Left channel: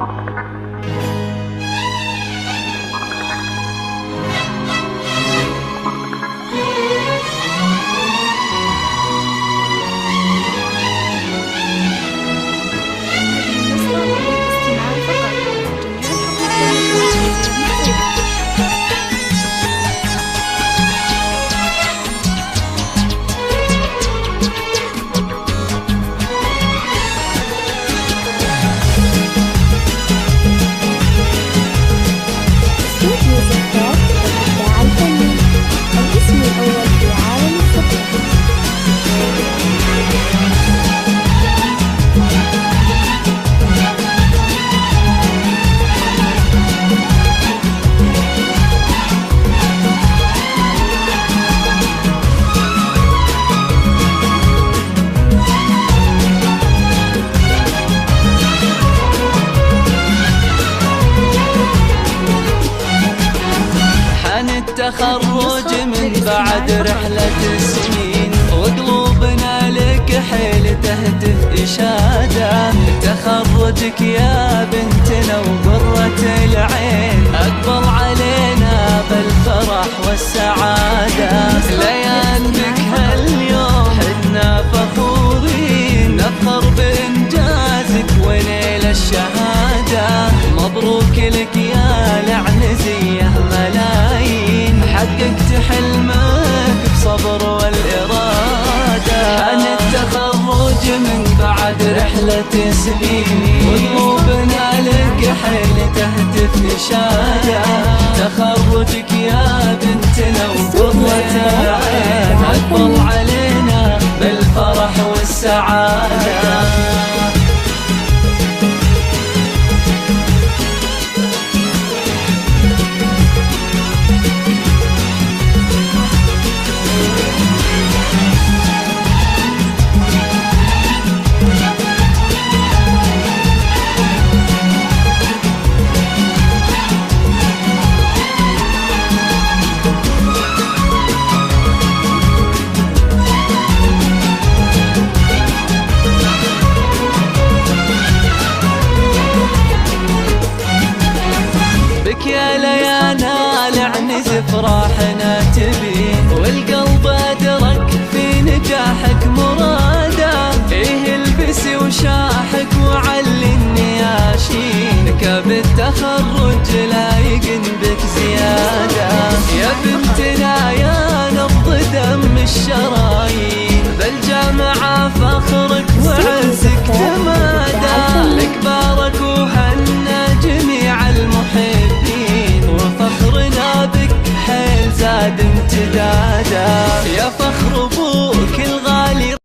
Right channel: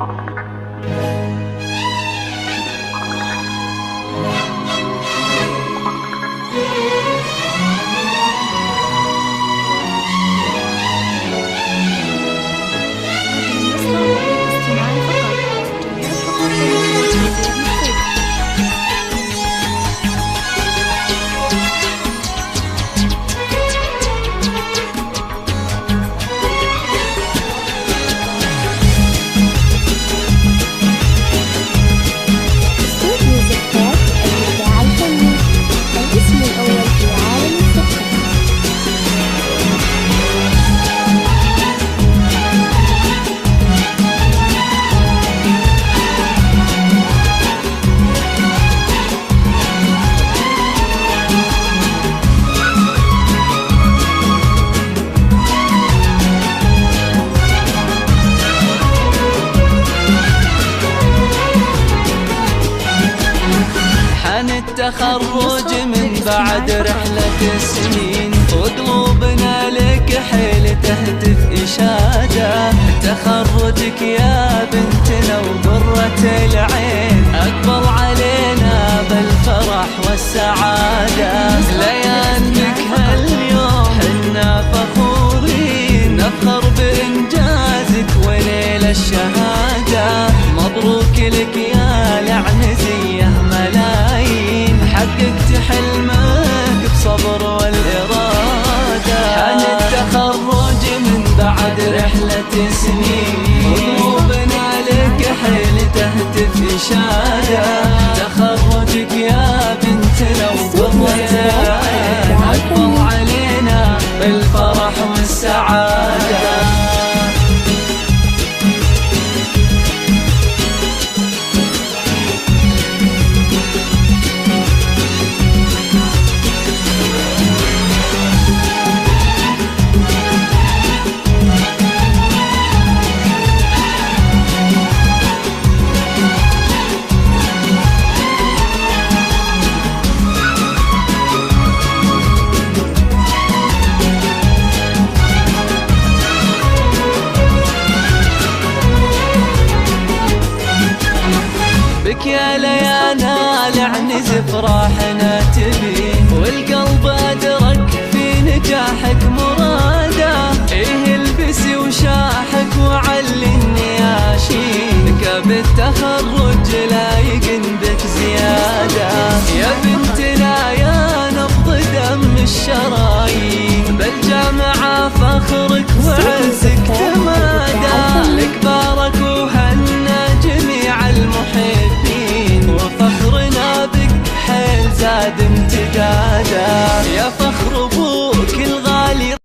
هذه النسخة للاستماع فقط. جميع الحقوق والنشر والتوزيع محفوظة. استوديو زفات الإبداع الفني، الاسم الأول في عالم الزفات. حان التخرج من بعد رحلة سنين، وقلوبنا لك حيل تهتف إشادة. تخرجك يا بنتنا وقرة العين، أقبل علينا بالفرح والسعادة. ليان بك هاليوم حنا فخورين، نفخر بإنجازك ونيل الشهادة. مبروك لك يا العنزية ملايين، حققت حلمك بصبر والإرادة. عن التخرج من بعد رحلة سنين، قلوبنا لك حيل تهتف إشادة. تخرجك يا بنتنا وقرة أقبل علينا بالفرح والسعادة. بك يا ليانا العنز فرحنا تبين، والقلب أدرك في نجاحك مراده. إيه البسي وشاحك وعلي النياشين، كاب التخرج لايق بك زيادة. يا بنتنا يا نبض دم الشرايين، بالجامعة فخرك وعزك تمادى. لك بارك وهنا جميع المحبين، وفخرنا بك حيل زاد امتدادا. يا فخر ابوك الغالي